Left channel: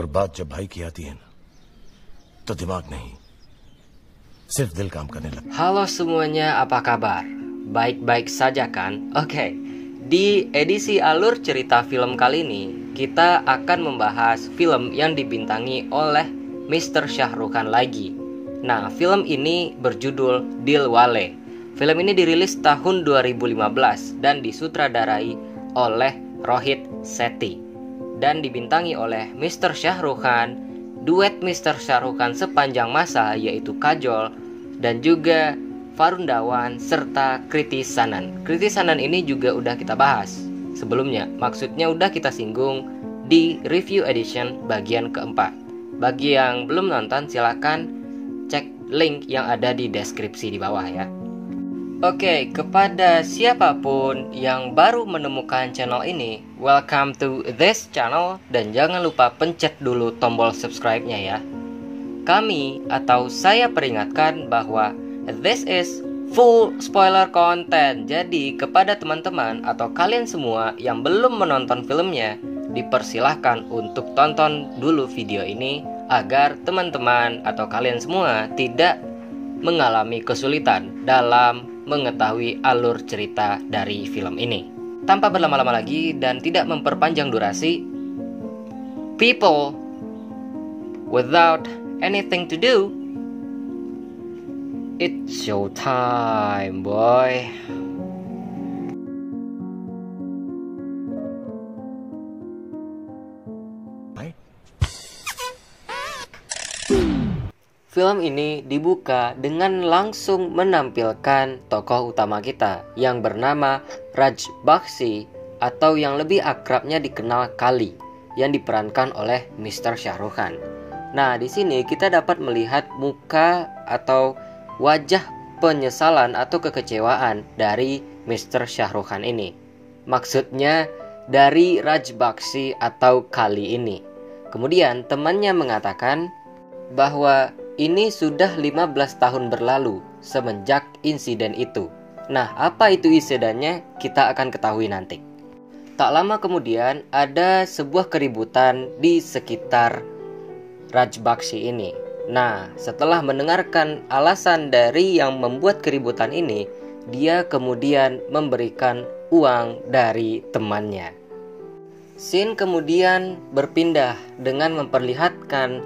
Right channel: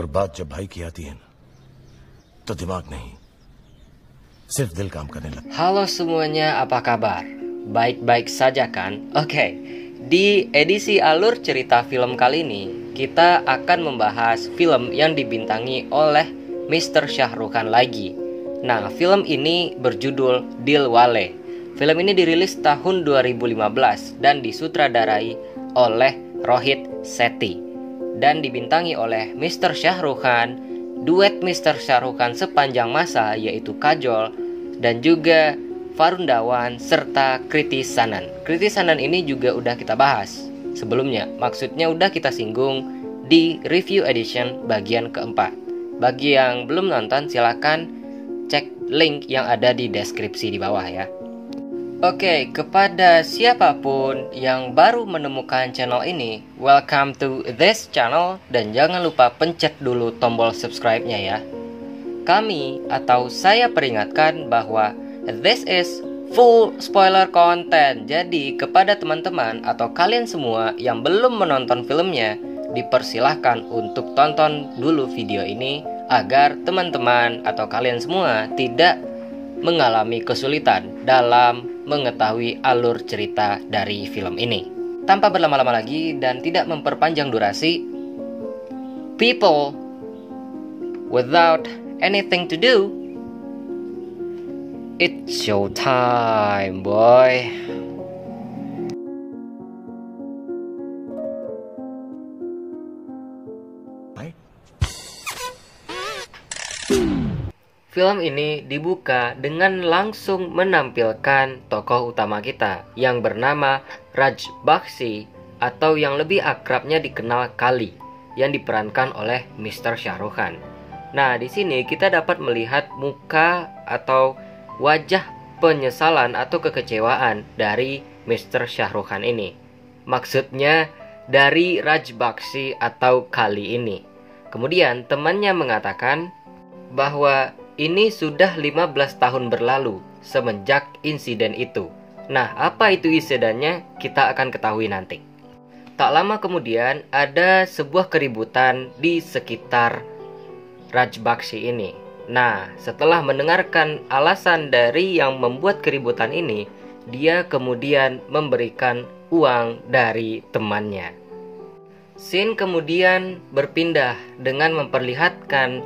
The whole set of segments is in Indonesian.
और बात जब भाई की आती है ना, तो दिमाग नहीं, सिर्फ दिल काम करने लगता है. Halo semuanya, apa kabar? Baik-baik saja kan? Oke, di edisi alur cerita film kali ini, kita akan membahas film yang dibintangi oleh Mr. Shah Rukh Khan lagi. Nah, film ini berjudul Dilwale. Film ini dirilis tahun 2015 dan disutradarai oleh Rohit Sethi dan dibintangi oleh Mr. Shah Rukh Khan, duet Mr. Shah Rukh Khan sepanjang masa yaitu Kajol dan juga Varun Dhawan serta Kriti Sanon. Kriti Sanon ini juga udah kita bahas sebelumnya, maksudnya udah kita singgung di review edition bagian keempat. Bagi yang belum nonton silakan cek link yang ada di deskripsi di bawah ya. Oke, kepada siapapun yang baru menemukan channel ini, welcome to this channel dan jangan lupa pencet dulu tombol subscribe-nya ya. Kami atau saya peringatkan bahwa this is full spoiler content. Jadi kepada teman-teman atau kalian semua yang belum menonton filmnya, dipersilahkan untuk tonton dulu video ini agar teman-teman atau kalian semua tidak mengalami kesulitan dalam mengetahui alur cerita dari film ini. Tanpa berlama-lama lagi dan tidak memperpanjang durasi, people, without anything to do, it's showtime, boy. Film ini dibuka dengan langsung menampilkan tokoh utama kita yang bernama Raj Bakshi atau yang lebih akrabnya dikenal Kali yang diperankan oleh Mr. Shah Rukh Khan. Nah, di sini kita dapat melihat muka atau wajah penyesalan atau kekecewaan dari Mr. Shah Rukh Khan ini. Maksudnya dari Raj Bakshi atau Kali ini. Kemudian temannya mengatakan bahwa ini sudah 15 tahun berlalu semenjak insiden itu. Nah, apa itu insidennya? Kita akan ketahui nanti. Tak lama kemudian ada sebuah keributan di sekitar Raj Bakshi ini. Nah, setelah mendengarkan alasan dari yang membuat keributan ini, dia kemudian memberikan uang dari temannya. Scene kemudian berpindah dengan memperlihatkan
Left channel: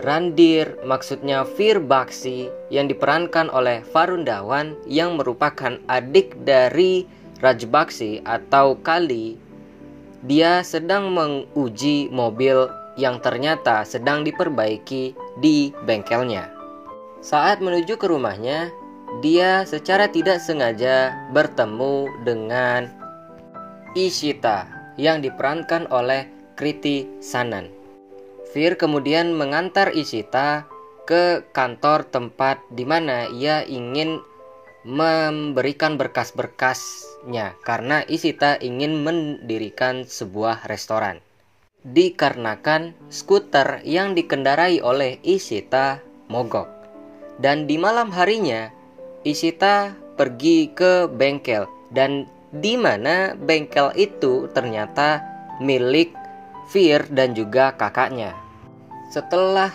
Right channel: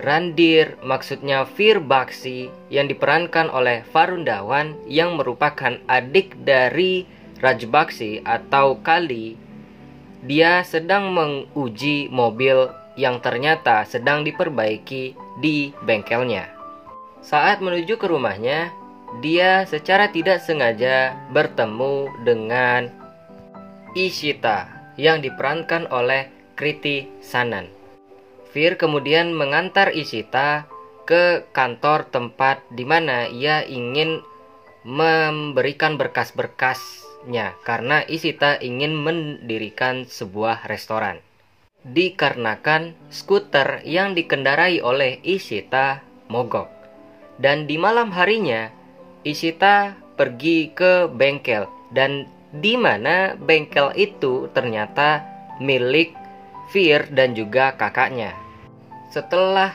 Randir, maksudnya Veer Bakshi yang diperankan oleh Varun Dhawan yang merupakan adik dari Raj Bakshi atau Kali. Dia sedang menguji mobil yang ternyata sedang diperbaiki di bengkelnya. Saat menuju ke rumahnya, dia secara tidak sengaja bertemu dengan Ishita yang diperankan oleh Kriti Sanon. Veer kemudian mengantar Ishita ke kantor tempat di mana ia ingin memberikan berkas-berkasnya karena Ishita ingin mendirikan sebuah restoran. Dikarenakan skuter yang dikendarai oleh Ishita mogok. Dan di malam harinya Ishita pergi ke bengkel dan di mana bengkel itu ternyata milik Veer dan juga kakaknya. Setelah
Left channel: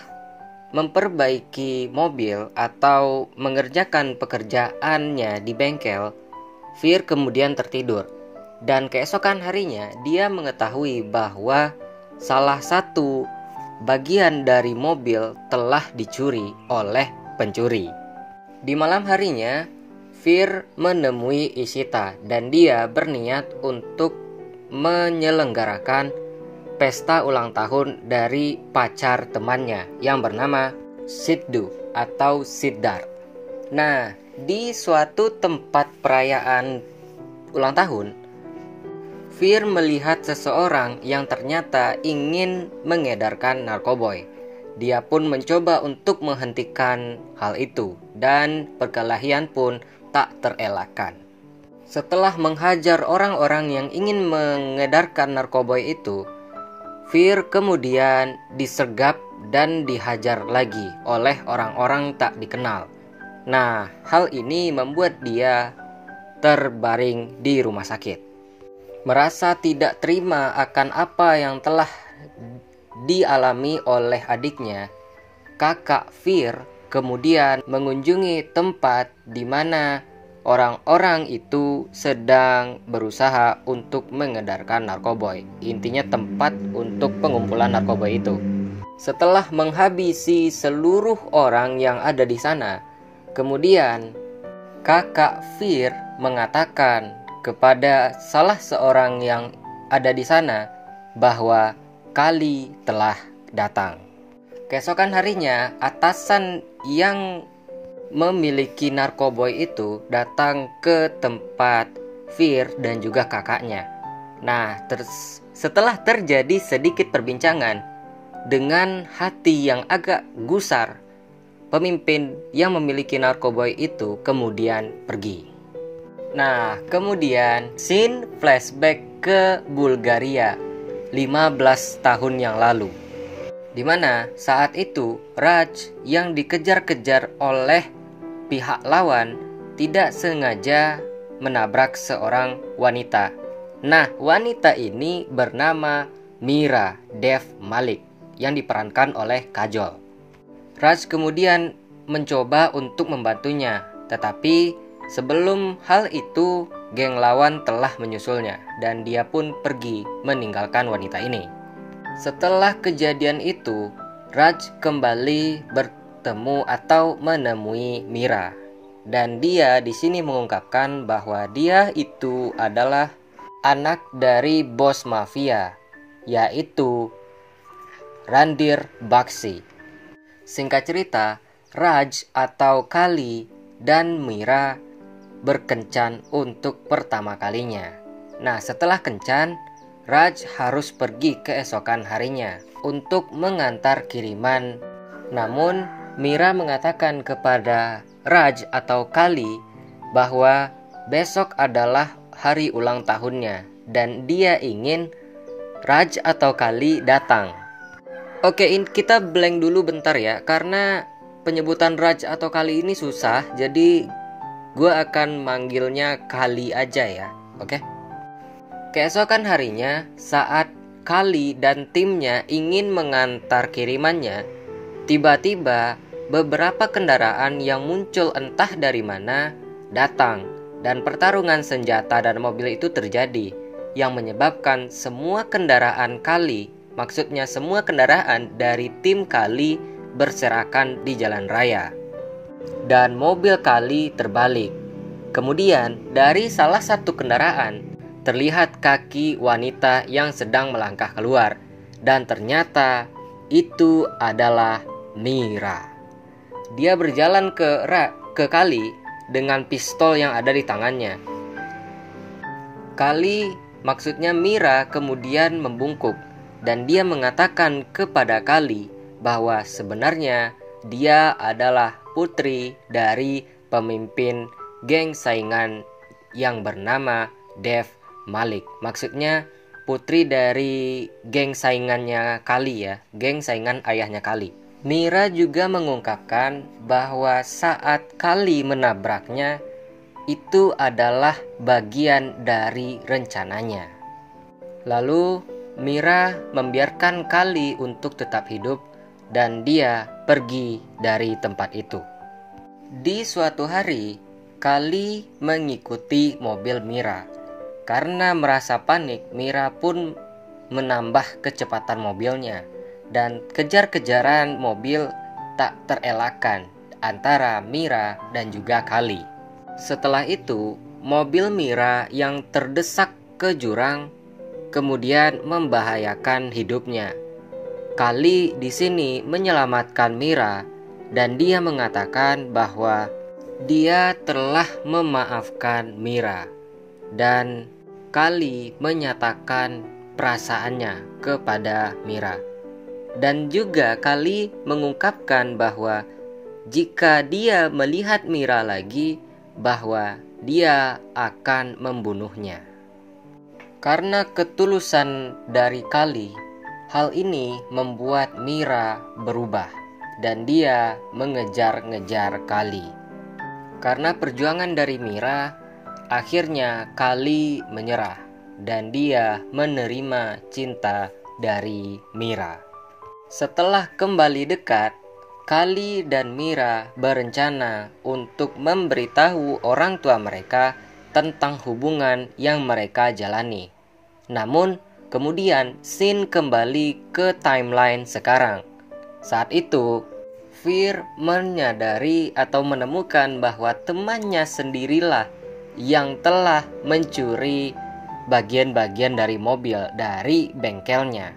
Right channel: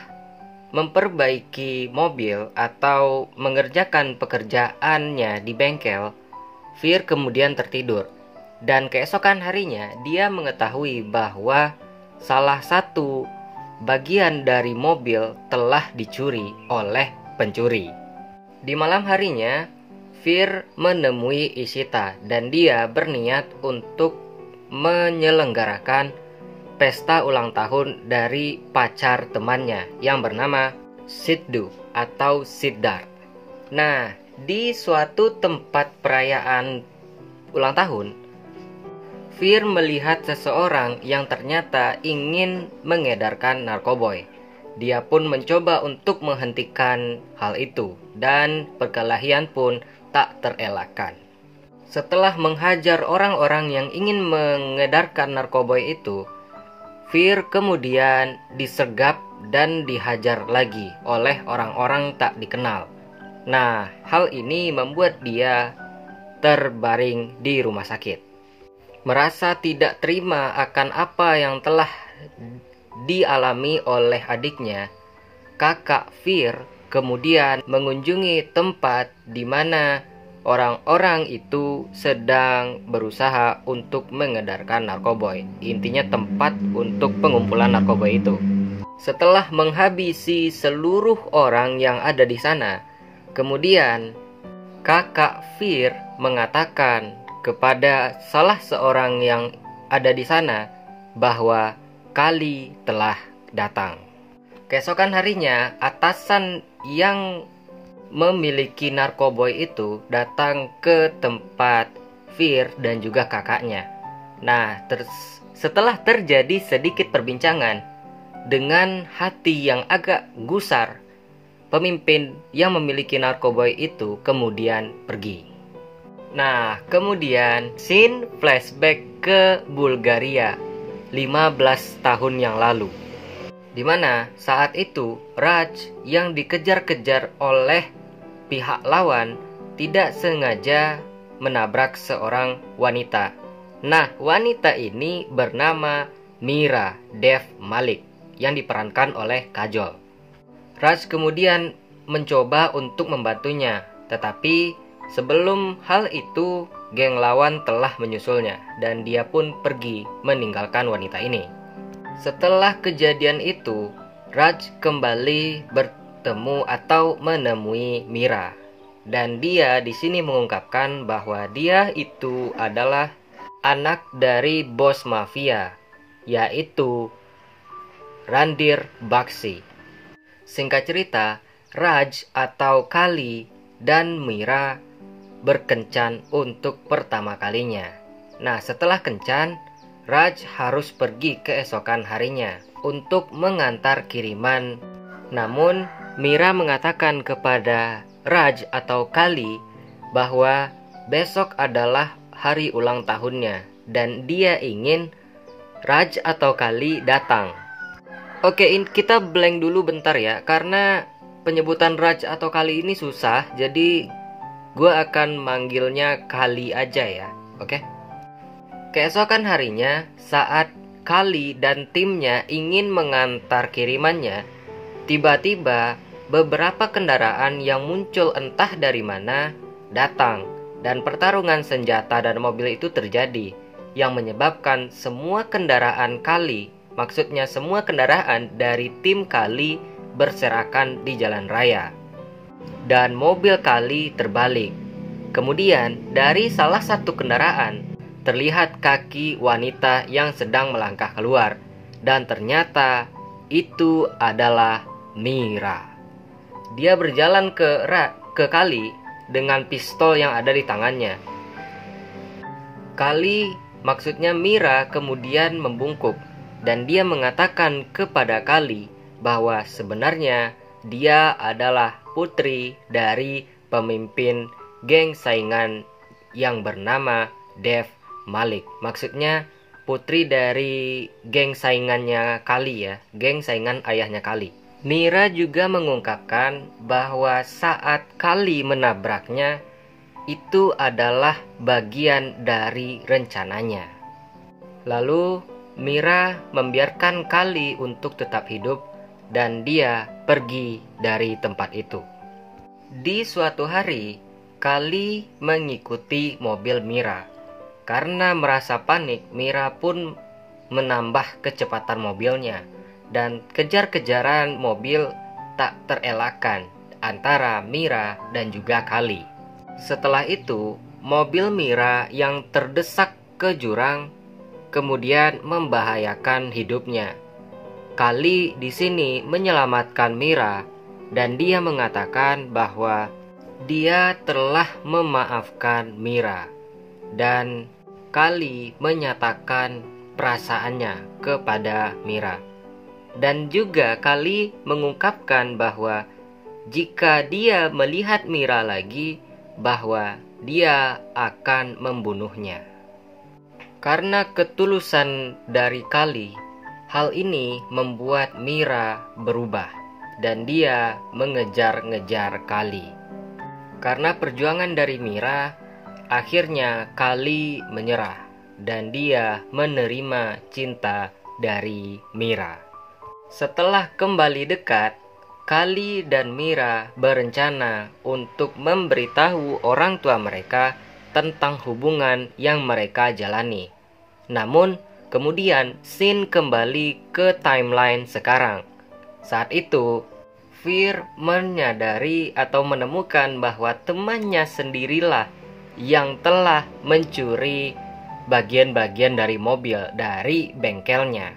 memperbaiki mobil atau mengerjakan pekerjaannya di bengkel, Veer kemudian tertidur. Dan keesokan harinya dia mengetahui bahwa salah satu bagian dari mobil telah dicuri oleh pencuri. Di malam harinya, Veer menemui Ishita dan dia berniat untuk menyelenggarakan pesta ulang tahun dari pacar temannya yang bernama Sidhu atau Siddharth. Nah, di suatu tempat perayaan ulang tahun, Veer melihat seseorang yang ternyata ingin mengedarkan narkoboy. Dia pun mencoba untuk menghentikan hal itu dan perkelahian pun tak terelakkan. Setelah menghajar orang-orang yang ingin mengedarkan narkoboy itu, Veer kemudian disergap dan dihajar lagi oleh orang-orang tak dikenal. Nah, hal ini membuat dia terbaring di rumah sakit. Merasa tidak terima akan apa yang telah dialami oleh adiknya, kakak Fir kemudian mengunjungi tempat di mana orang-orang itu sedang berusaha untuk mengedarkan narkoboy. Intinya tempat untuk pengumpulan narkoboy itu. Setelah menghabisi seluruh orang yang ada di sana, kemudian kakak Fir mengatakan kepada salah seorang yang ada di sana bahwa Kali telah datang. Keesokan harinya, atasan yang memiliki narkoboy itu datang ke tempat Fir dan juga kakaknya. Nah, setelah terjadi sedikit perbincangan, dengan hati yang agak gusar, pemimpin yang memiliki narkoboy itu kemudian pergi. Nah, kemudian scene flashback ke Bulgaria 15 tahun yang lalu, di mana saat itu Raj yang dikejar-kejar oleh pihak lawan tidak sengaja menabrak seorang wanita. Nah, wanita ini bernama Mira Dev Malik yang diperankan oleh Kajol. Raj kemudian mencoba untuk membantunya, tetapi sebelum hal itu geng lawan telah menyusulnya dan dia pun pergi meninggalkan wanita ini. Setelah kejadian itu, Raj kembali bertemu atau menemui Mira, dan dia di sini mengungkapkan bahwa dia itu adalah anak dari bos mafia, yaitu Randir Bakshi. Singkat cerita, Raj atau Kali dan Mira berkencan untuk pertama kalinya. Nah, setelah kencan, Raj harus pergi keesokan harinya untuk mengantar kiriman. Namun, Mira mengatakan kepada Raj atau Kali bahwa besok adalah hari ulang tahunnya dan dia ingin Raj atau Kali datang. Oke, kita blank dulu bentar ya, karena penyebutan Raj atau Kali ini susah, jadi gue akan manggilnya Kali aja ya, oke? Keesokan harinya, saat Kali dan timnya ingin mengantar kirimannya, tiba-tiba beberapa kendaraan yang muncul entah dari mana datang, dan pertarungan senjata dan mobil itu terjadi, yang menyebabkan semua kendaraan Kali, maksudnya semua kendaraan dari tim Kali berserakan di jalan raya. Dan mobil Kali terbalik. Kemudian dari salah satu kendaraan terlihat kaki wanita yang sedang melangkah keluar, dan ternyata itu adalah Mira. Dia berjalan ke Kali dengan pistol yang ada di tangannya. Kali, maksudnya Mira, kemudian membungkuk dan dia mengatakan kepada Kali bahwa sebenarnya dia adalah putri dari pemimpin geng saingan yang bernama Dev Malik. Maksudnya putri dari geng saingannya Kali ya, geng saingan ayahnya Kali. Mira juga mengungkapkan bahwa saat Kali menabraknya, itu adalah bagian dari rencananya. Lalu Mira membiarkan Kali untuk tetap hidup dan dia pergi dari tempat itu. Di suatu hari, Kali mengikuti mobil Mira. Karena merasa panik, Mira pun menambah kecepatan mobilnya dan kejar-kejaran mobil tak terelakkan antara Mira dan juga Kali. Setelah itu, mobil Mira yang terdesak ke jurang kemudian membahayakan hidupnya. Kali di sini menyelamatkan Mira dan dia mengatakan bahwa dia telah memaafkan Mira, dan Kali menyatakan perasaannya kepada Mira. Dan juga Kali mengungkapkan bahwa jika dia melihat Mira lagi, bahwa dia akan membunuhnya. Karena ketulusan dari Kali, hal ini membuat Mira berubah dan dia mengejar-ngejar Kali. Karena perjuangan dari Mira, akhirnya Kali menyerah dan dia menerima cinta dari Mira. Setelah kembali dekat, Kali dan Mira berencana untuk memberitahu orang tua mereka tentang hubungan yang mereka jalani. Namun, kemudian scene kembali ke timeline sekarang. Saat itu, Fear menyadari atau menemukan bahwa temannya sendirilah yang telah mencuri bagian-bagian dari mobil dari bengkelnya.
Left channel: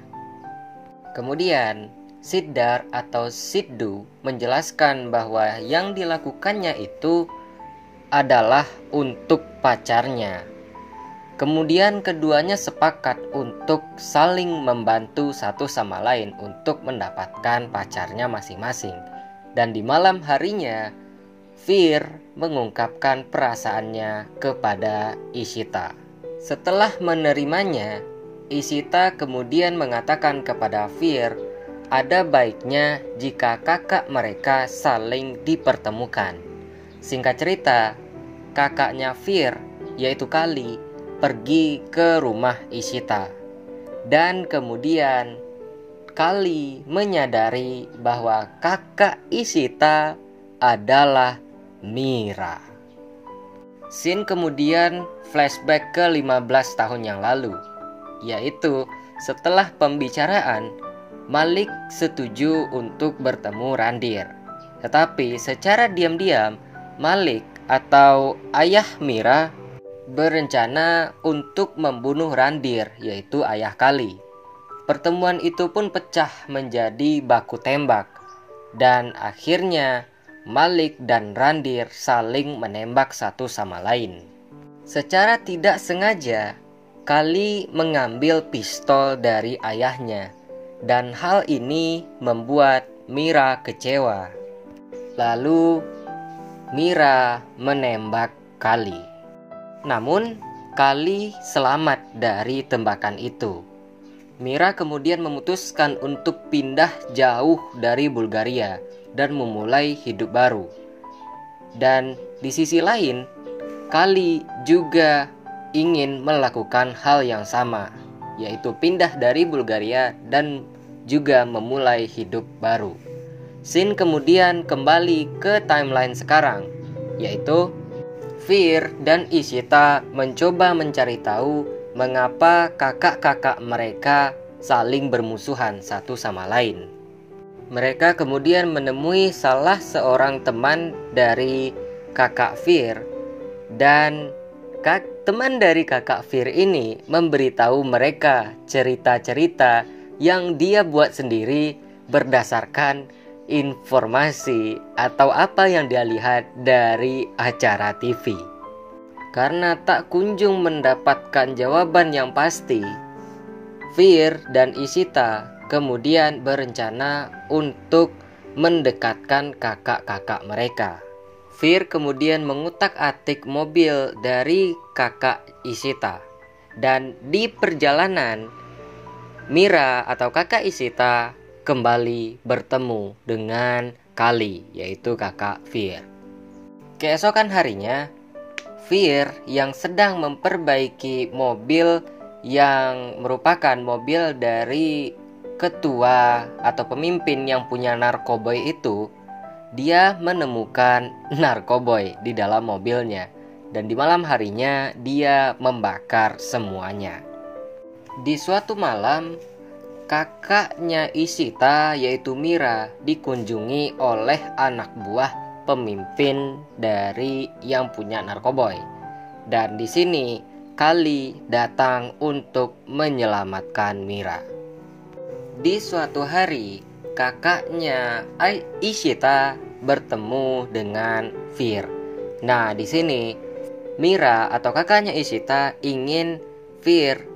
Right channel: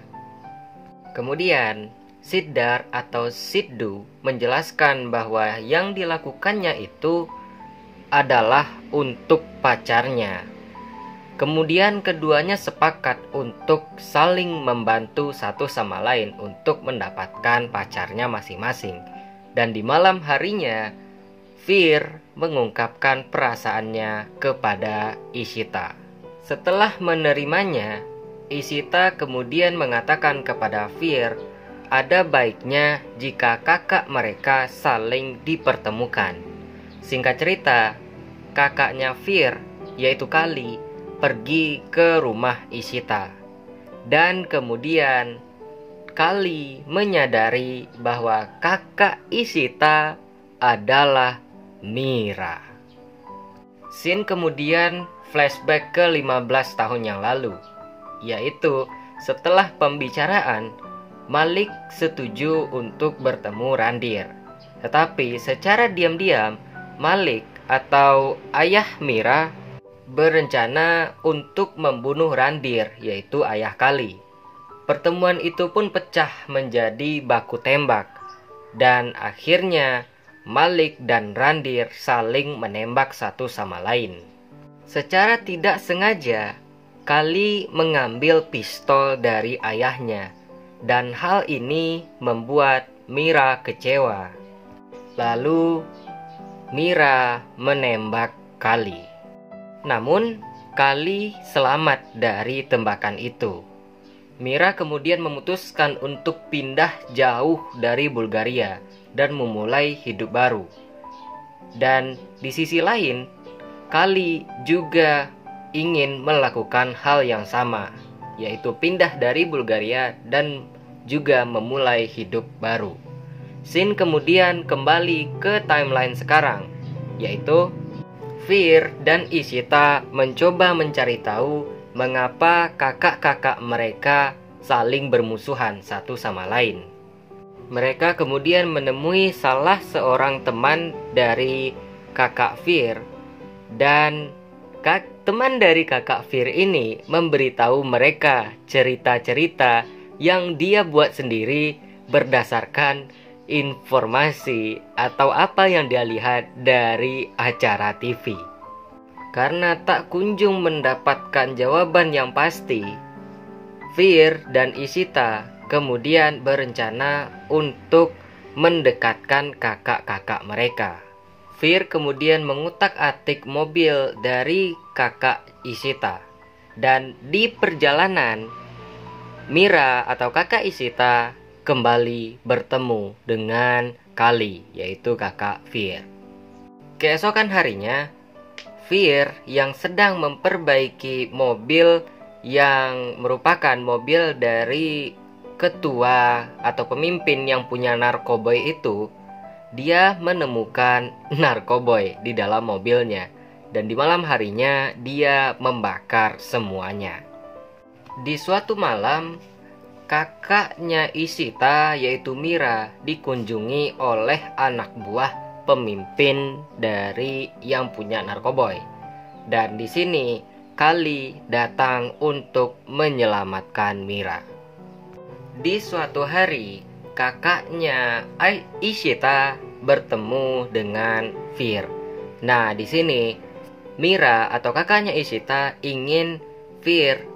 Kemudian, Siddhar atau Siddu menjelaskan bahwa yang dilakukannya itu adalah untuk pacarnya. Kemudian keduanya sepakat untuk saling membantu satu sama lain untuk mendapatkan pacarnya masing-masing. Dan di malam harinya, Fear mengungkapkan perasaannya kepada Ishita. Setelah menerimanya, Ishita kemudian mengatakan kepada Fear, ada baiknya jika kakak mereka saling dipertemukan. Singkat cerita, kakaknya Fear, yaitu Kali, pergi ke rumah Ishita. Dan kemudian Kali menyadari bahwa kakak Ishita adalah Mira. Scene kemudian flashback ke 15 tahun yang lalu, yaitu setelah pembicaraan, Malik setuju untuk bertemu Randir. Tetapi secara diam-diam, Malik atau ayah Mira berencana untuk membunuh Randir, yaitu ayah Kali. Pertemuan itu pun pecah menjadi baku tembak, dan akhirnya Malik dan Randir saling menembak satu sama lain. Secara tidak sengaja, Kali mengambil pistol dari ayahnya, dan hal ini membuat Mira kecewa. Lalu Mira menembak Kali. Namun Kali selamat dari tembakan itu. Mira kemudian memutuskan untuk pindah jauh dari Bulgaria dan memulai hidup baru. Dan di sisi lain, Kali juga ingin melakukan hal yang sama, yaitu pindah dari Bulgaria dan juga memulai hidup baru. Scene kemudian kembali ke timeline sekarang, yaitu Fear dan Ishita mencoba mencari tahu mengapa kakak-kakak mereka saling bermusuhan satu sama lain. Mereka kemudian menemui salah seorang teman dari kakak Fear, dan teman dari kakak Fear ini memberitahu mereka cerita-cerita yang dia buat sendiri berdasarkan informasi atau apa yang dia lihat dari acara TV. Karena tak kunjung mendapatkan jawaban yang pasti, Fear dan Ishita kemudian berencana untuk mendekatkan kakak-kakak mereka. Fear kemudian mengutak-atik mobil dari kakak Ishita, dan di perjalanan Mira atau kakak Ishita kembali bertemu dengan Kali, yaitu kakak Fear. Keesokan harinya, Fear yang sedang memperbaiki mobil yang merupakan mobil dari ketua atau pemimpin yang punya narkoboy itu, dia menemukan narkoboy di dalam mobilnya, dan di malam harinya dia membakar semuanya. Di suatu malam, kakaknya Ishita yaitu Mira dikunjungi oleh anak buah pemimpin dari yang punya narkoboy. Dan di sini Kali datang untuk menyelamatkan Mira. Di suatu hari, kakaknya Ishita bertemu dengan Fear. Nah, di sini Mira atau kakaknya Ishita ingin Fear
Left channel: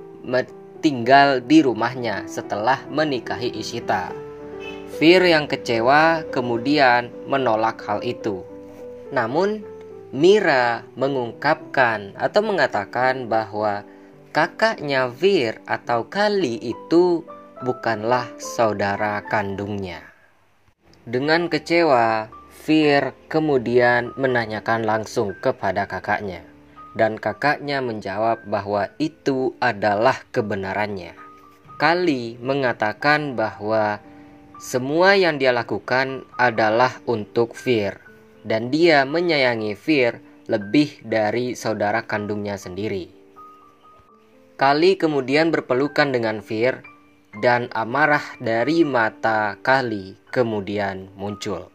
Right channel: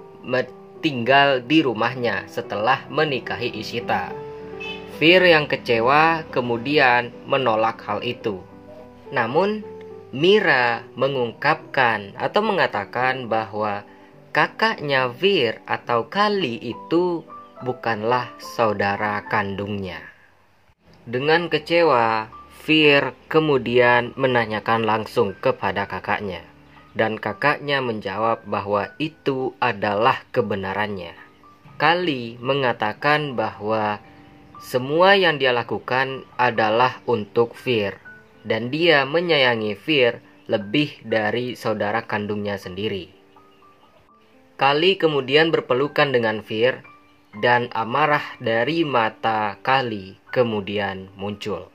tinggal di rumahnya setelah menikahi Ishita. Fear yang kecewa kemudian menolak hal itu. Namun Mira mengungkapkan atau mengatakan bahwa kakaknya Fear atau Kali itu bukanlah saudara kandungnya. Dengan kecewa, Fear kemudian menanyakan langsung kepada kakaknya, dan kakaknya menjawab bahwa itu adalah kebenarannya. Kali mengatakan bahwa semua yang dia lakukan adalah untuk Fear, dan dia menyayangi Fear lebih dari saudara kandungnya sendiri. Kali kemudian berpelukan dengan Fear, dan amarah dari mata Kali kemudian muncul.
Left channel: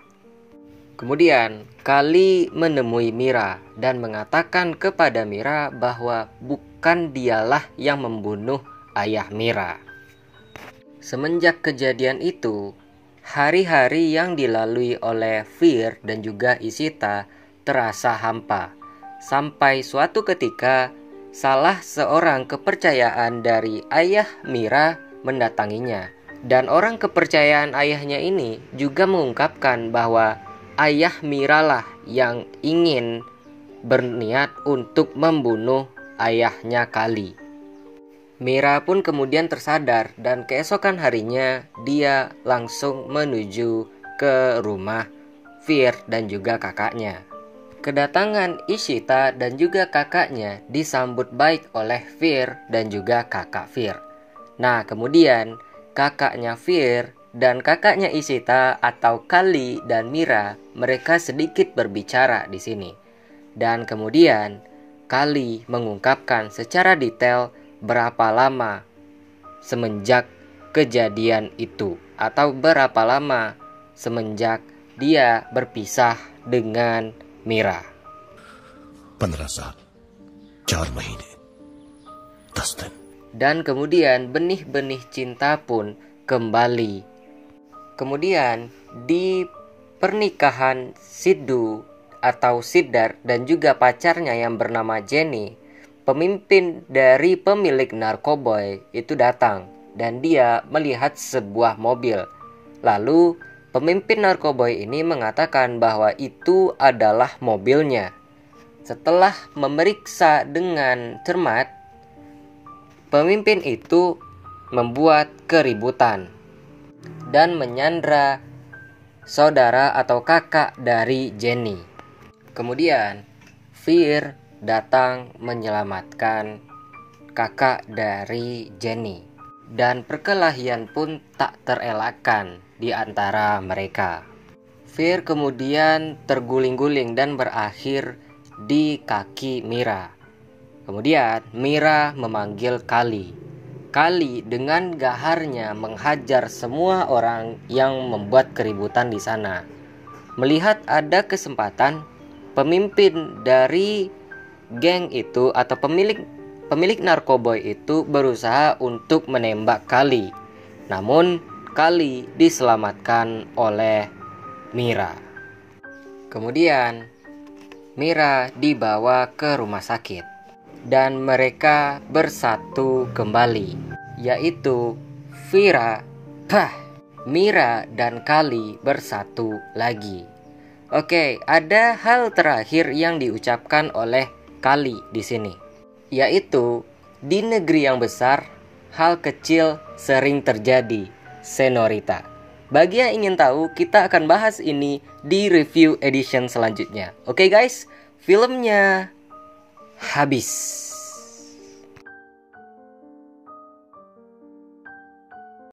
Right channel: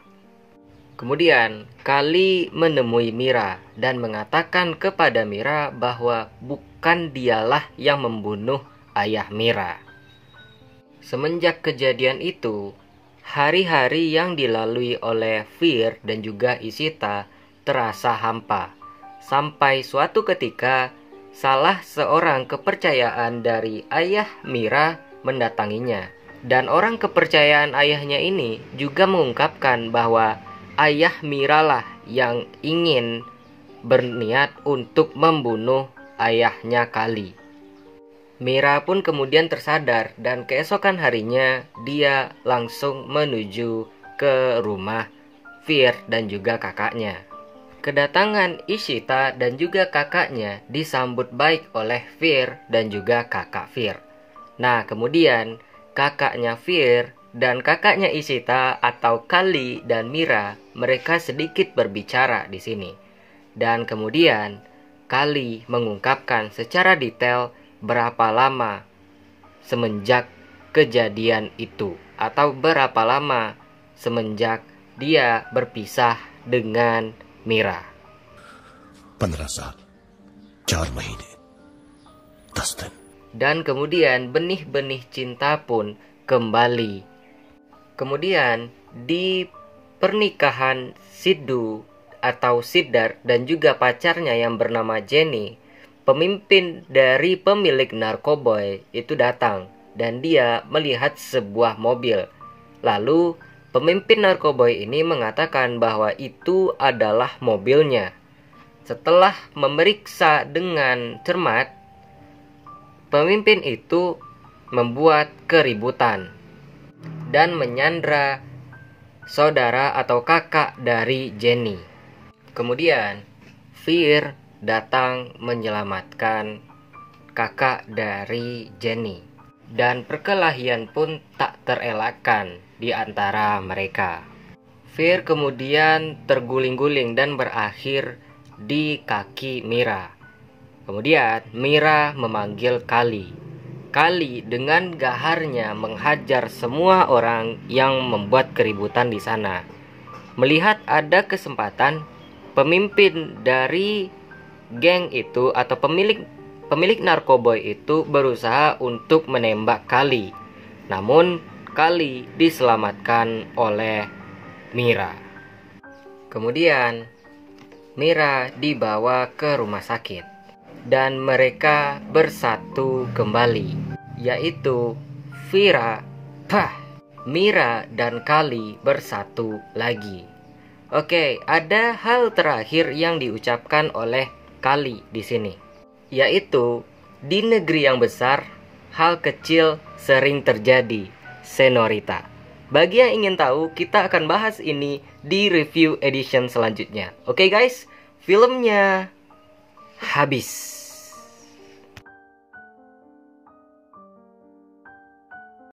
Kemudian Kali menemui Mira dan mengatakan kepada Mira bahwa bukan dialah yang membunuh ayah Mira. Semenjak kejadian itu, hari-hari yang dilalui oleh Fear dan juga Ishita terasa hampa. Sampai suatu ketika, salah seorang kepercayaan dari ayah Mira mendatanginya. Dan orang kepercayaan ayahnya ini juga mengungkapkan bahwa ayah Mira lah yang ingin berniat untuk membunuh ayahnya Kali. Mira pun kemudian tersadar dan keesokan harinya dia langsung menuju ke rumah Fear dan juga kakaknya. Kedatangan Ishita dan juga kakaknya disambut baik oleh Fear dan juga kakak Fear. Nah, kemudian kakaknya Fear dan kakaknya Ishita atau Kali dan Mira, mereka sedikit berbicara di sini. Dan kemudian Kali mengungkapkan secara detail berapa lama semenjak kejadian itu, atau berapa lama semenjak dia berpisah dengan Mira. 15 साल 4 महीने 10 दिन. Dan kemudian benih-benih cinta pun kembali. Kemudian di pernikahan Siddu atau Siddharth dan juga pacarnya yang bernama Jenny, pemimpin dari pemilik narkoboy itu datang dan dia melihat sebuah mobil. Lalu pemimpin narkoboy ini mengatakan bahwa itu adalah mobilnya. Setelah memeriksa dengan cermat, pemimpin itu membuat keributan dan menyandra saudara atau kakak dari Jenny. Kemudian Fear datang menyelamatkan kakak dari Jenny, dan perkelahian pun tak terelakkan di antara mereka. Fear kemudian terguling-guling dan berakhir di kaki Mira. Kemudian Mira memanggil Kali. Kali dengan gaharnya menghajar semua orang yang membuat keributan di sana. Melihat ada kesempatan, pemimpin dari geng itu atau pemilik narkoboy itu berusaha untuk menembak Kali. Namun Kali diselamatkan oleh Mira. Kemudian Mira dibawa ke rumah sakit dan mereka bersatu kembali, yaitu Mira dan Kali bersatu lagi. Oke, ada hal terakhir yang diucapkan oleh Kali di sini, yaitu di negeri yang besar hal kecil sering terjadi, Senorita. Bagi yang ingin tahu, kita akan bahas ini di review edition selanjutnya. Oke guys, filmnya habis.